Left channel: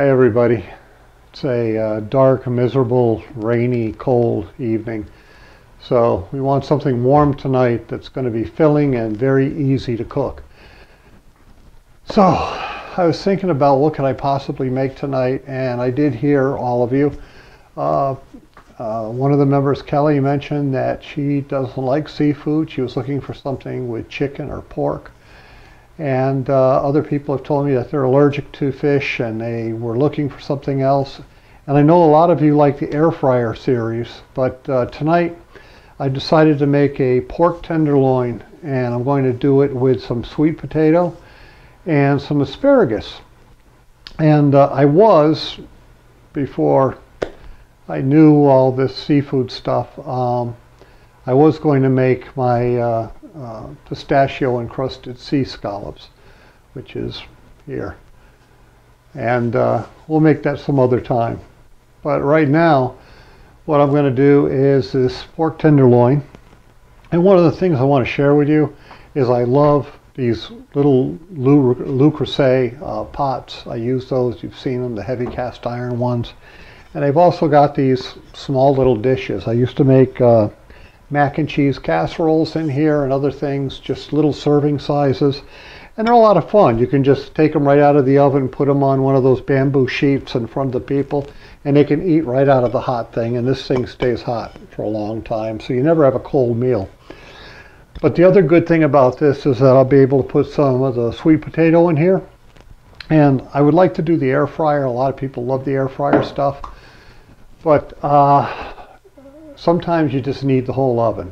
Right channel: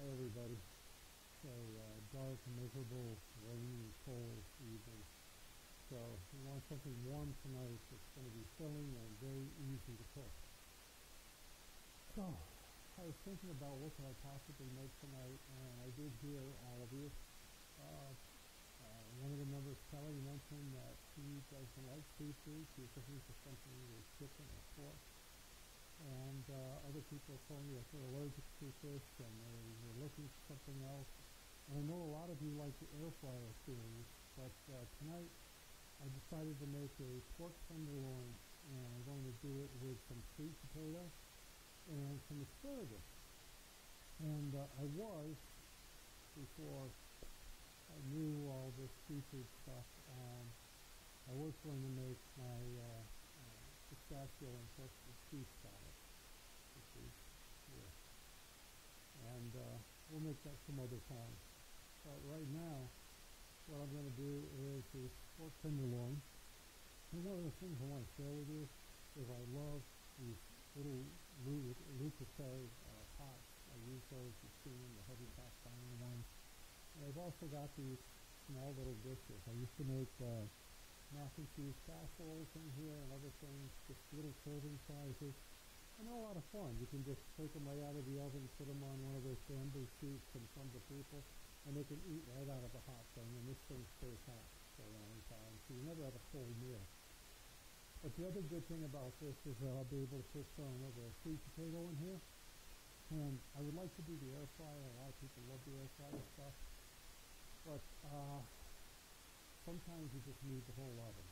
Hi everybody. It's a dark, miserable, rainy, cold evening. So we want something warm tonight that's going to be filling and very easy to cook. So I was thinking about what could I possibly make tonight, and I did hear all of you. One of the members, Kelly, mentioned that she doesn't like seafood. She was looking for something with chicken or pork. And other people have told me that they're allergic to fish and they were looking for something else. And I know a lot of you like the air fryer series, but tonight I decided to make a pork tenderloin, and I'm going to do it with some sweet potato and some asparagus. And before I knew all this seafood stuff, I was going to make my pistachio encrusted sea scallops, which is here, and we'll make that some other time. But right now what I'm going to do is this pork tenderloin. And one of the things I want to share with you is I love these little Le Creuset pots. I use those. You've seen them, the heavy cast iron ones. And I've also got these small little dishes. I used to make mac and cheese casseroles in here and other things, just little serving sizes, and they're a lot of fun. You can just take them right out of the oven, put them on one of those bamboo sheets in front of the people, and they can eat right out of the hot thing, and this thing stays hot for a long time, so you never have a cold meal. But the other good thing about this is that I'll be able to put some of the sweet potato in here, and I would like to do the air fryer. A lot of people love the air fryer stuff, but sometimes you just need the whole oven.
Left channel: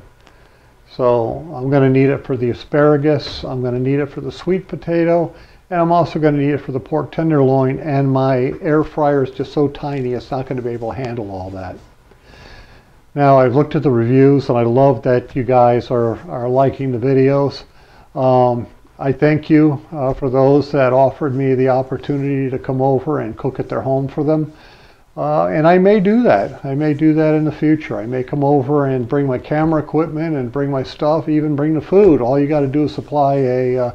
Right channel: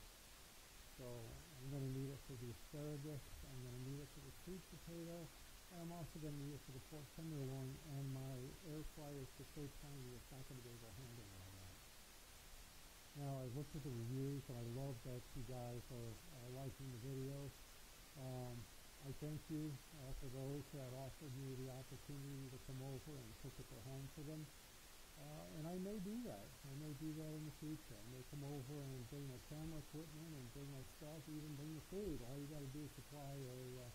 So I'm going to need it for the asparagus, I'm going to need it for the sweet potato, and I'm also going to need it for the pork tenderloin, and my air fryer is just so tiny it's not going to be able to handle all that. Now, I've looked at the reviews and I love that you guys are liking the videos. I thank you for those that offered me the opportunity to come over and cook at their home for them. And I may do that. I may do that in the future. I may come over and bring my camera equipment and bring my stuff, even bring the food. All you got to do is supply a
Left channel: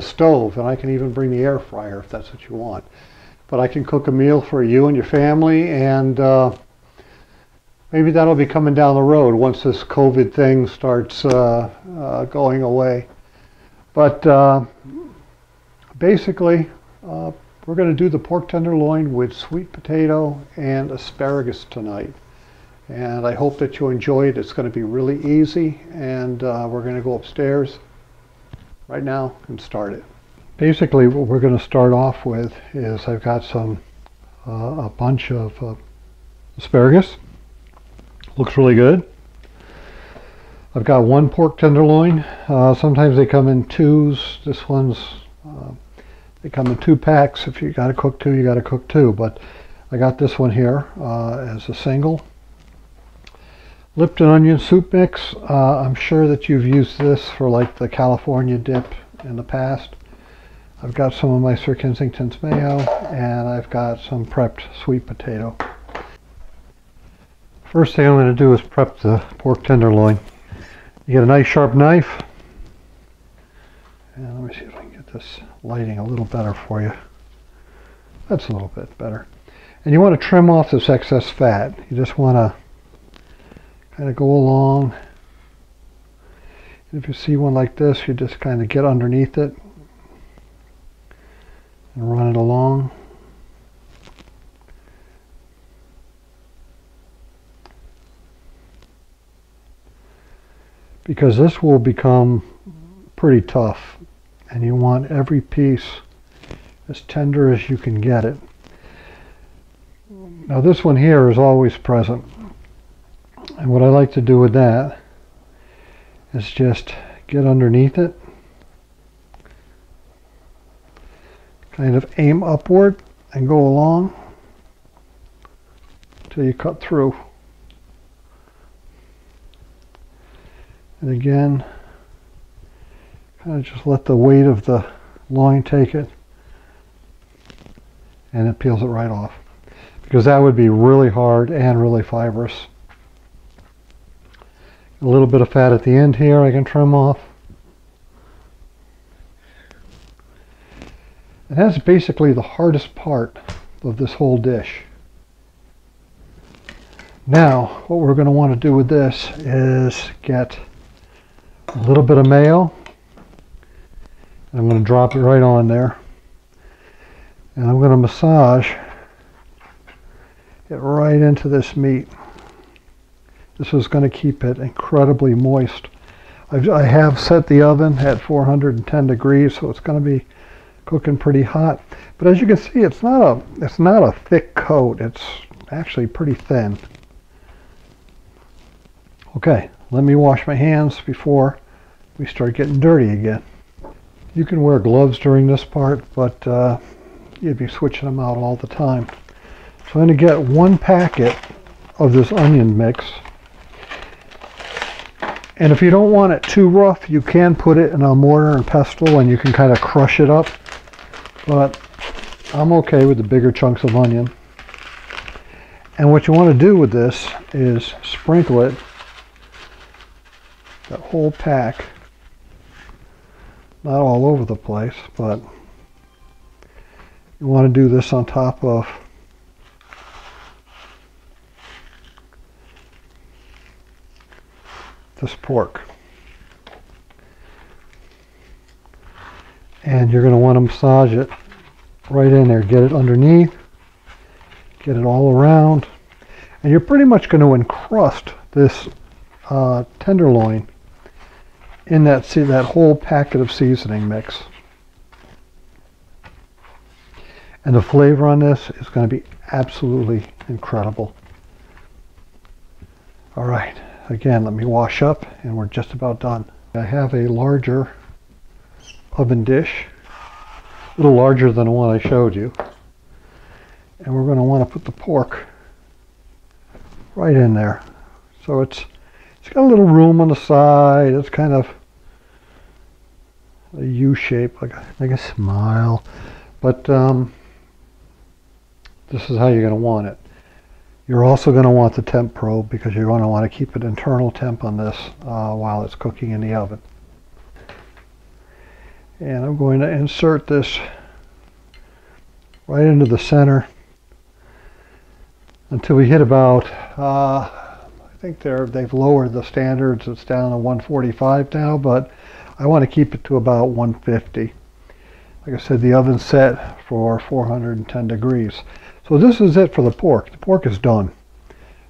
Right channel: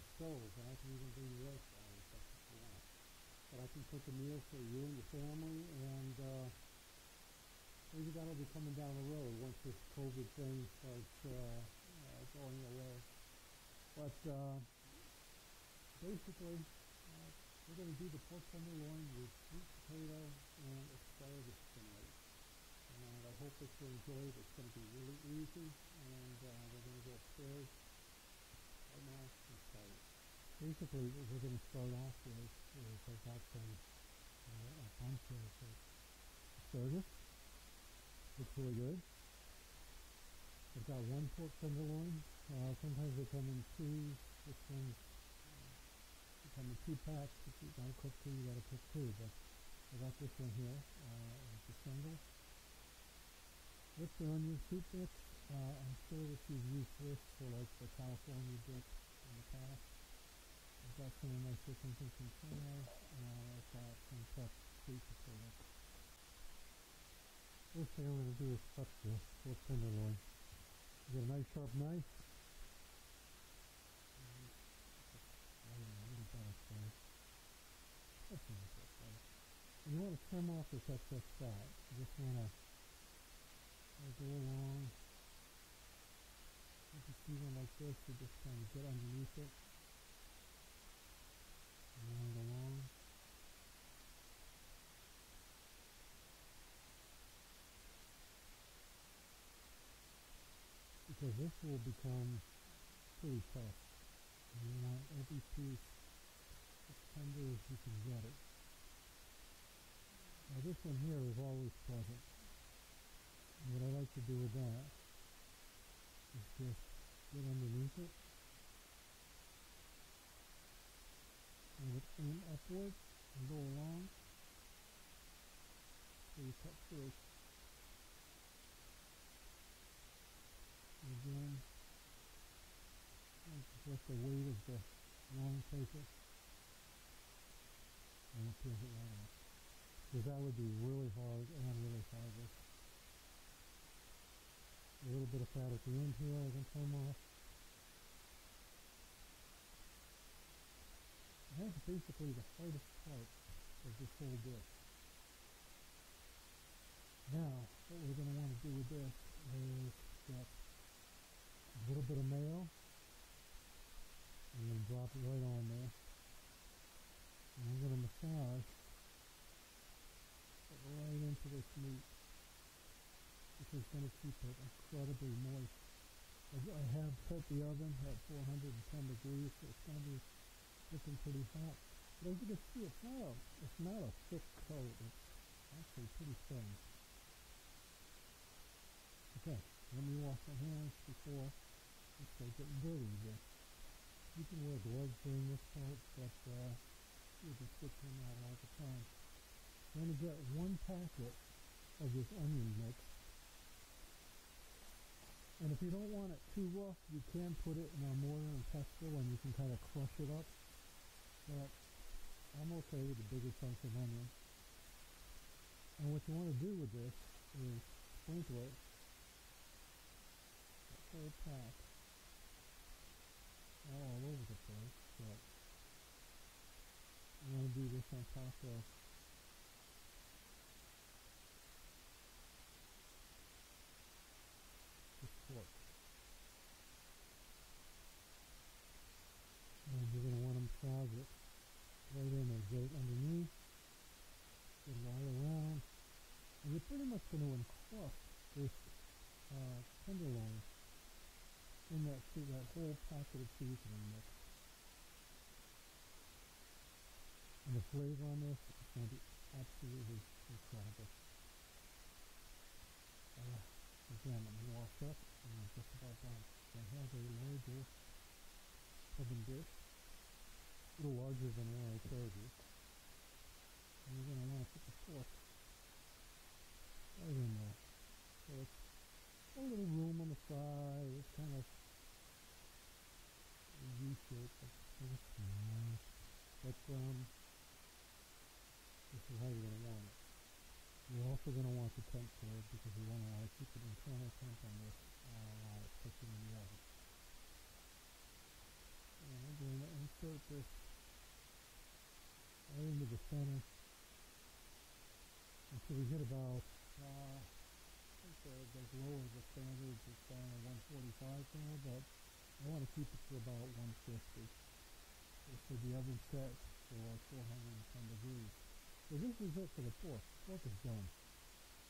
stove, and I can even bring the air fryer if that's what you want. But I can cook a meal for you and your family, and maybe that'll be coming down the road once this COVID thing starts going away. But basically, we're going to do the pork tenderloin with sweet potato and asparagus tonight. And I hope that you enjoy it. It's going to be really easy, and we're going to go upstairs right now and start it. Basically, what we're going to start off with is I've got a bunch of asparagus. Looks really good. I've got one pork tenderloin. Sometimes they come in twos. This one's they come in 2 packs. If you got to cook 2, you got to cook 2. But I got this one here as a single. Lipton onion soup mix. I'm sure that you've used this for like the California dip in the past. I've got some of my Sir Kensington's mayo, and I've got some prepped sweet potato. First thing I'm going to do is prep the pork tenderloin. You get a nice sharp knife. And let me see if I can get this lighting a little better for you. That's a little bit better. And you want to trim off this excess fat. You just want to kind of go along. If you see one like this, you just kind of get underneath it and run it along. Because this will become pretty tough, and you want every piece as tender as you can get it. Now this one here is always present, and what I like to do with that is just get underneath it, kind of aim upward and go along until you cut through. And again, kind of just let the weight of the loin take it, and it peels it right off, because that would be really hard and really fibrous. A little bit of fat at the end here I can trim off. And that's basically the hardest part of this whole dish. Now, what we're going to want to do with this is get a little bit of mayo. I'm going to drop it right on there. And I'm going to massage it right into this meat. This is going to keep it incredibly moist. I have set the oven at 410 degrees, so it's going to be cooking pretty hot. But as you can see, it's not a thick coat. It's actually pretty thin. Okay, let me wash my hands before we start getting dirty again. You can wear gloves during this part, but you'd be switching them out all the time. So I'm going to get 1 packet of this onion mix. And if you don't want it too rough, you can put it in a mortar and pestle and you can kind of crush it up. But I'm okay with the bigger chunks of onion. And what you want to do with this is sprinkle it, that whole pack, not all over the place, but you want to do this on top of this pork. And you're going to want to massage it right in there. Get it underneath, get it all around, and you're pretty much going to encrust this tenderloin in that whole packet of seasoning mix. And the flavor on this is going to be absolutely incredible. All right. Again, let me wash up and we're just about done. I have a larger oven dish, a little larger than the one I showed you. And we're going to want to put the pork right in there. So it's got a little room on the side. It's kind of a U shape, like a smile. But this is how you're going to want it. You're also going to want the temp probe because you're going to want to keep an internal temp on this while it's cooking in the oven. And I'm going to insert this right into the center until we hit about, I think they've lowered the standards. It's down to 145 now, but I want to keep it to about 150. Like I said, the oven's set for 410 degrees. So this is it for the pork. The pork is done.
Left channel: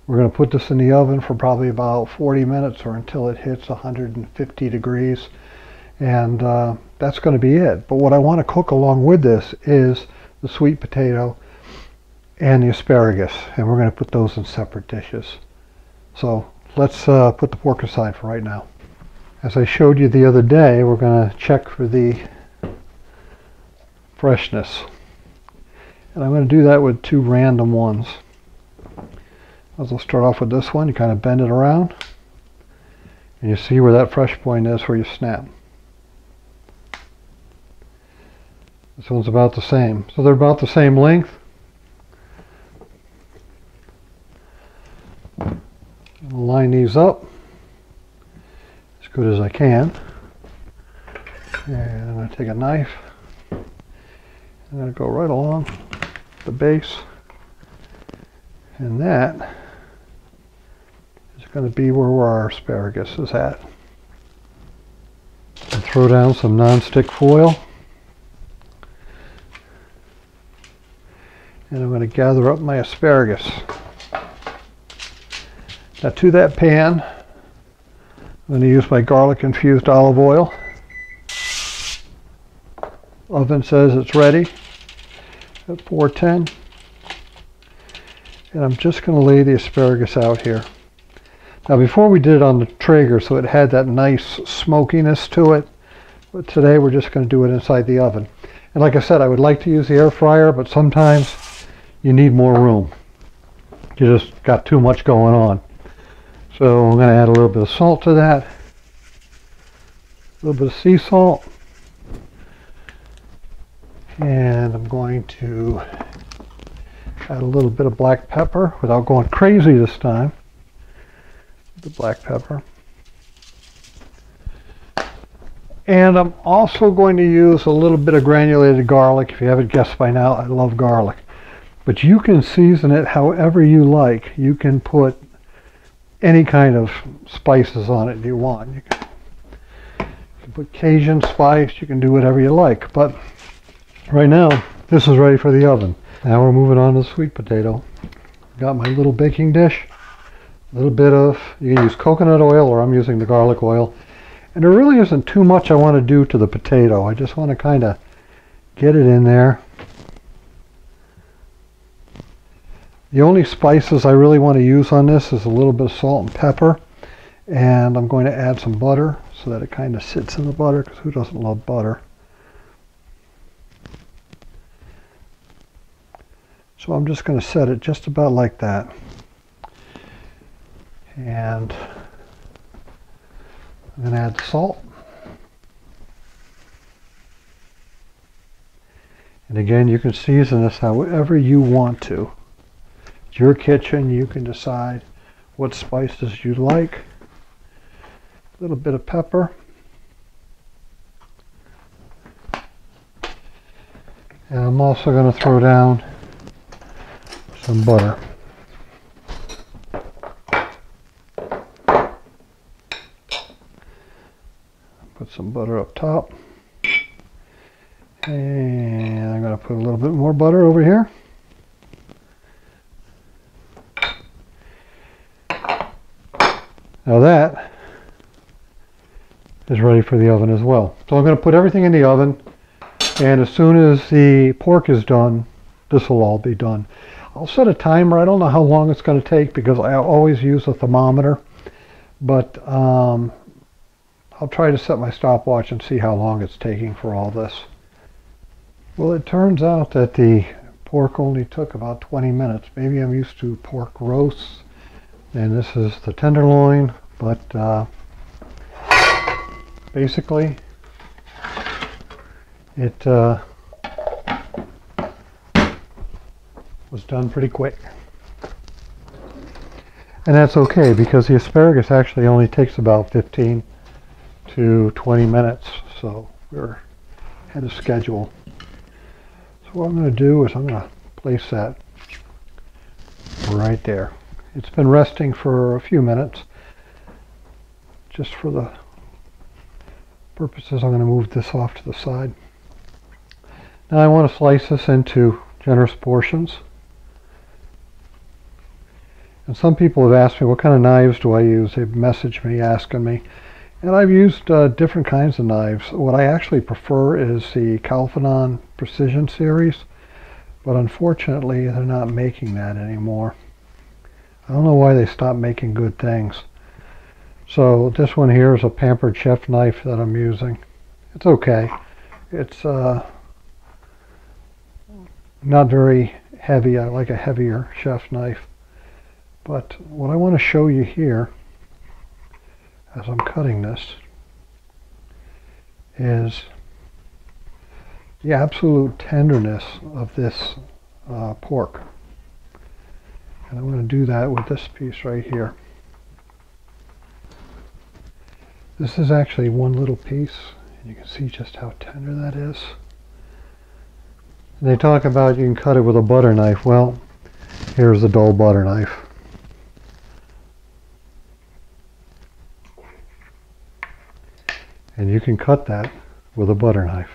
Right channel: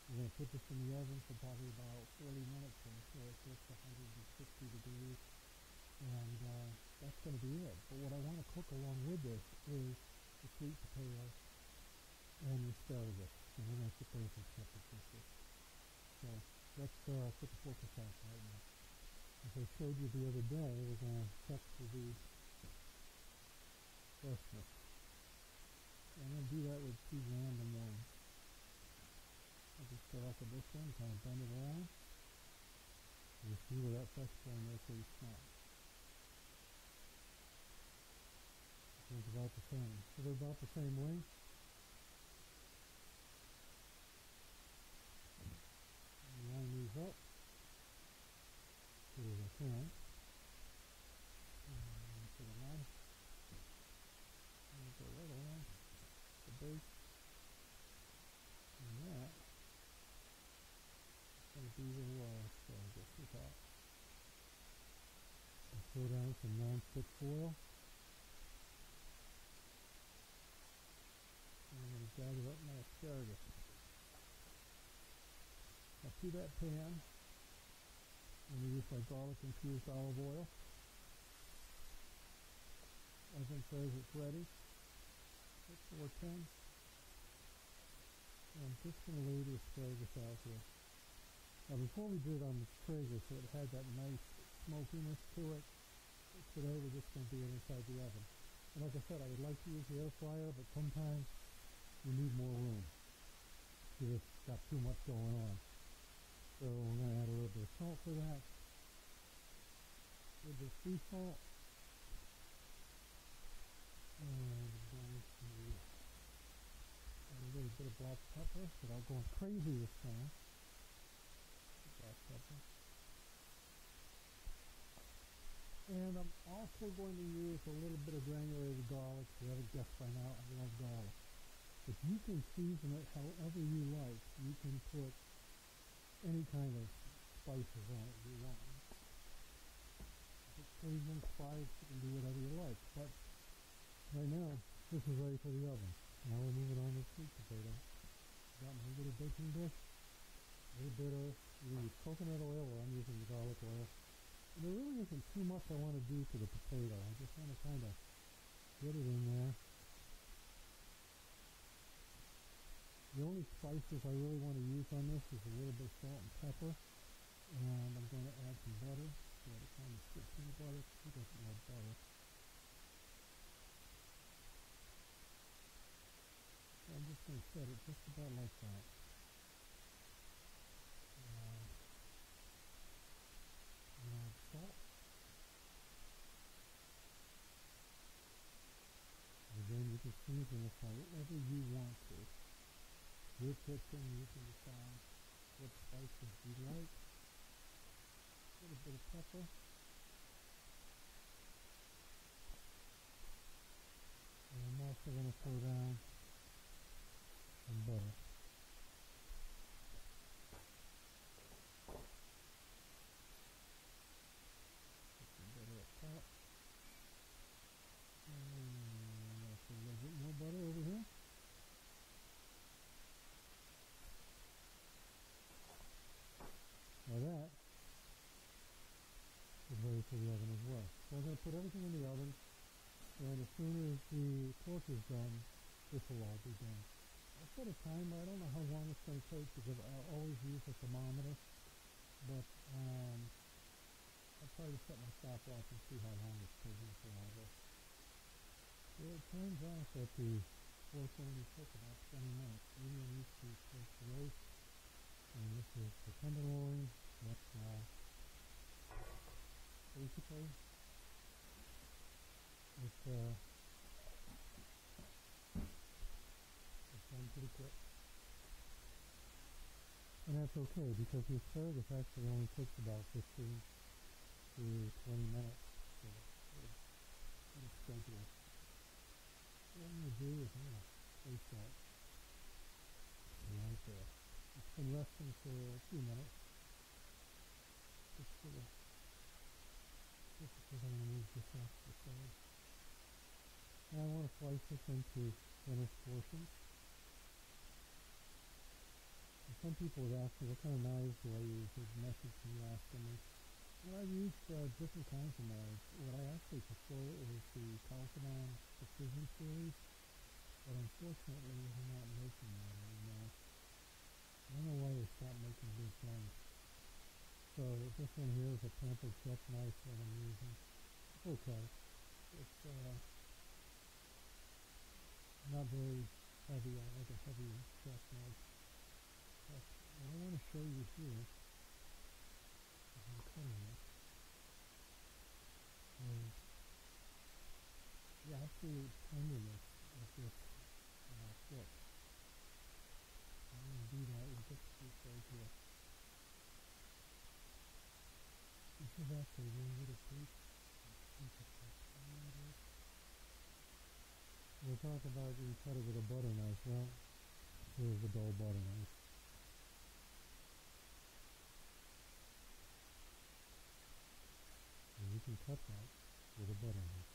We're going to put this in the oven for probably about 40 minutes or until it hits 150 degrees. And that's going to be it. But what I want to cook along with this is the sweet potato and the asparagus. And we're going to put those in separate dishes. So let's put the pork aside for right now. As I showed you the other day, we're going to check for the freshness. And I'm going to do that with 2 random ones. I'll start off with this one. You kind of bend it around. And you see where that fresh point is where you snap. This one's about the same. So they're about the same length. I'll line these up as good as I can. And I'm going to take a knife. I'm going to go right along the base, and that is going to be where our asparagus is at. And throw down some non-stick foil, and I'm going to gather up my asparagus. Now to that pan, I'm going to use my garlic infused olive oil. Oven says it's ready at 410. And I'm just going to lay the asparagus out here. Now before we did it on the Traeger, so it had that nice smokiness to it. But today we're just going to do it inside the oven. And like I said, I would like to use the air fryer, but sometimes you need more room. You just got too much going on. So I'm going to add a little bit of salt to that. A little bit of sea salt. And I'm going to add a little bit of black pepper without going crazy this time. The black pepper. And I'm also going to use a little bit of granulated garlic. If you haven't guessed by now, I love garlic. But you can season it however you like. You can put any kind of spices on it you want. You can put Cajun spice, you can do whatever you like. But right now, this is ready for the oven. Now we're moving on to the sweet potato. Got my little baking dish. A little bit of, you can use coconut oil or I'm using the garlic oil. And there really isn't too much I want to do to the potato. I just want to kind of get it in there. The only spices I really want to use on this is a little bit of salt and pepper. And I'm going to add some butter so that it kind of sits in the butter, because who doesn't love butter? So I'm just going to set it just about like that. And I'm going to add salt. And again, you can season this however you want to. It's your kitchen. You can decide what spices you like. A little bit of pepper. And I'm also going to throw down some butter. Put some butter up top. And I'm going to put a little bit more butter over here. Now that is ready for the oven as well. So I'm going to put everything in the oven, and as soon as the pork is done, this will all be done. I'll set a timer. I don't know how long it's going to take because I always use a thermometer, but I'll try to set my stopwatch and see how long it's taking for all this. Well, it turns out that the pork only took about 20 minutes. Maybe I'm used to pork roasts, and this is the tenderloin, but basically it was done pretty quick. And that's okay, because the asparagus actually only takes about 15 to 20 minutes, so we're ahead of schedule. So what I'm going to do is I'm going to place that right there. It's been resting for a few minutes. Just for the purposes, I'm going to move this off to the side. Now I want to slice this into generous portions. And some people have asked me, what kind of knives do I use? They've messaged me asking me. And I've used different kinds of knives. What I actually prefer is the Calphanon Precision series, but unfortunately they're not making that anymore. I don't know why they stopped making good things. So this one here is a Pampered Chef knife that I'm using. It's okay. It's not very heavy. I like a heavier chef knife. But what I want to show you here as I'm cutting this is the absolute tenderness of this pork. And I'm going to do that with this piece right here. This is actually one little piece, and you can see just how tender that is. And they talk about you can cut it with a butter knife. Well, here's the dull butter knife. And you can cut that with a butter knife.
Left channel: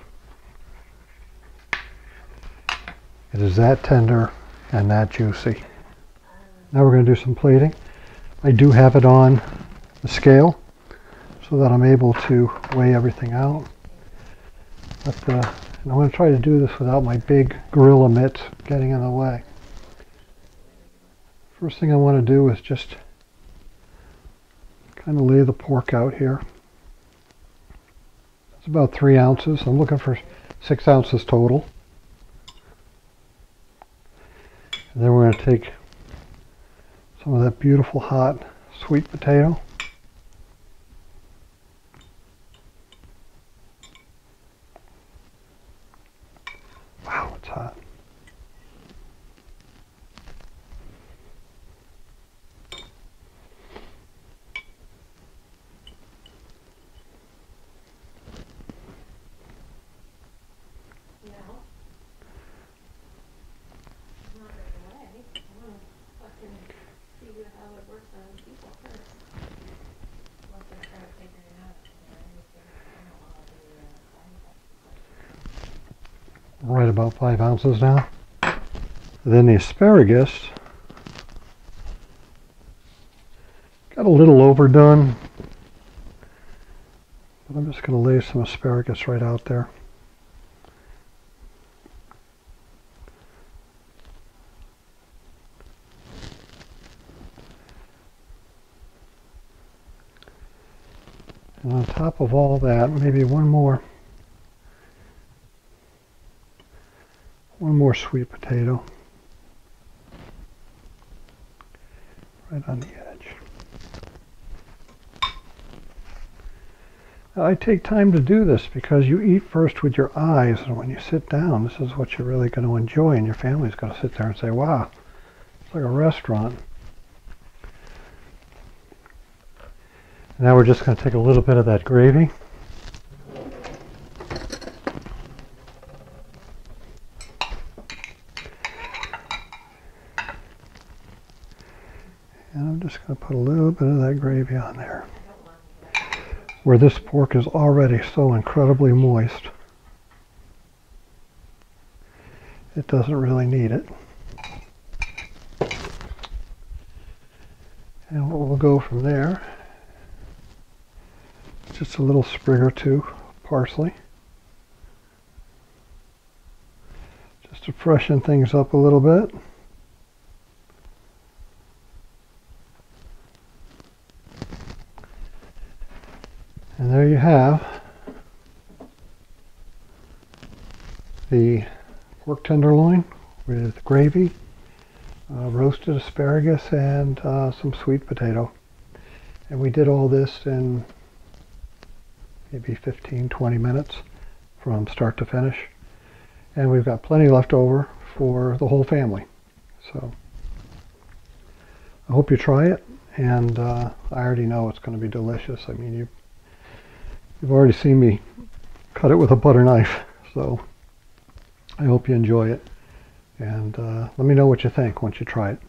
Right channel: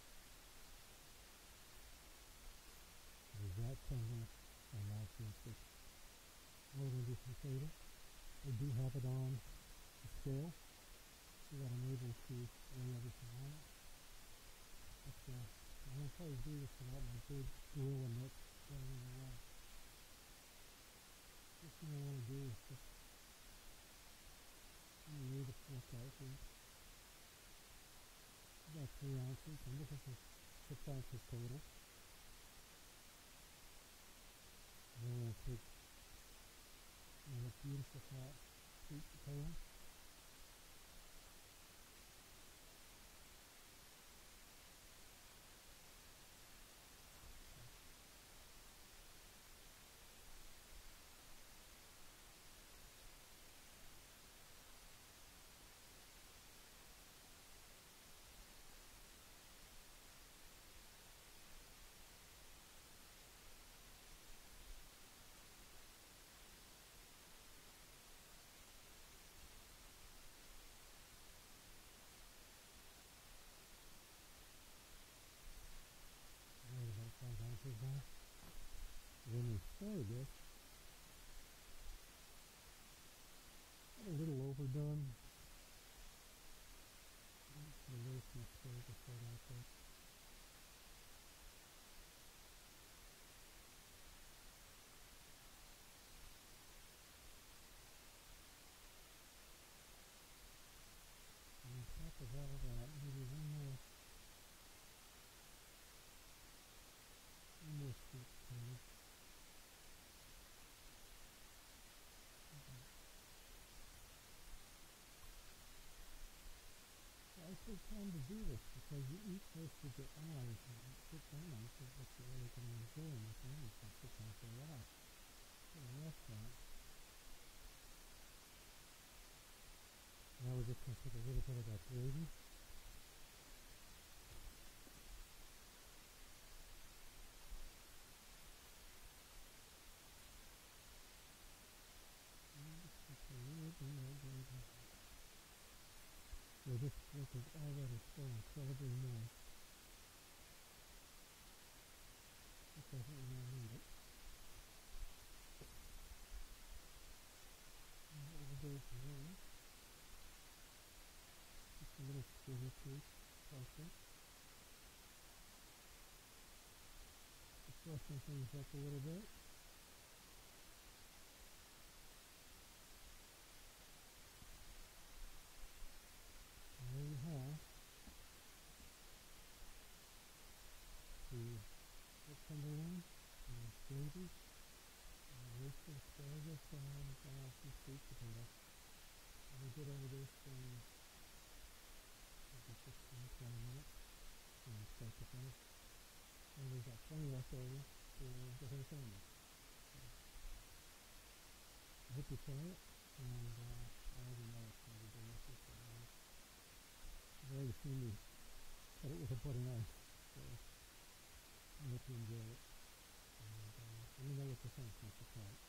It is that tender and that juicy. Now we're going to do some plating. I do have it on the scale so that I'm able to weigh everything out. But and I'm going to try to do this without my big gorilla mitts getting in the way. First thing I want to do is just kind of lay the pork out here. It's about 3 ounces. I'm looking for 6 ounces total. And then we're going to take some of that beautiful hot sweet potato. Wow, it's hot. right about 5 ounces now. Then the asparagus got a little overdone, but I'm just going to lay some asparagus right out there. And on top of all that, maybe one more sweet potato right on the edge. Now, I take time to do this because you eat first with your eyes, and when you sit down, this is what you're really going to enjoy, and your family's going to sit there and say, wow, it's like a restaurant. Now we're just going to take a little bit of that gravy. And I'm just going to put a little bit of that gravy on there, where this pork is already so incredibly moist. It doesn't really need it. And what we'll go from there, just a little sprig or two parsley, just to freshen things up a little bit. And there you have the pork tenderloin with gravy, roasted asparagus, and some sweet potato. And we did all this in maybe 15-20 minutes from start to finish. And we've got plenty left over for the whole family. So I hope you try it, and I already know it's going to be delicious. I mean, you've already seen me cut it with a butter knife, so I hope you enjoy it. And let me know what you think once you try it.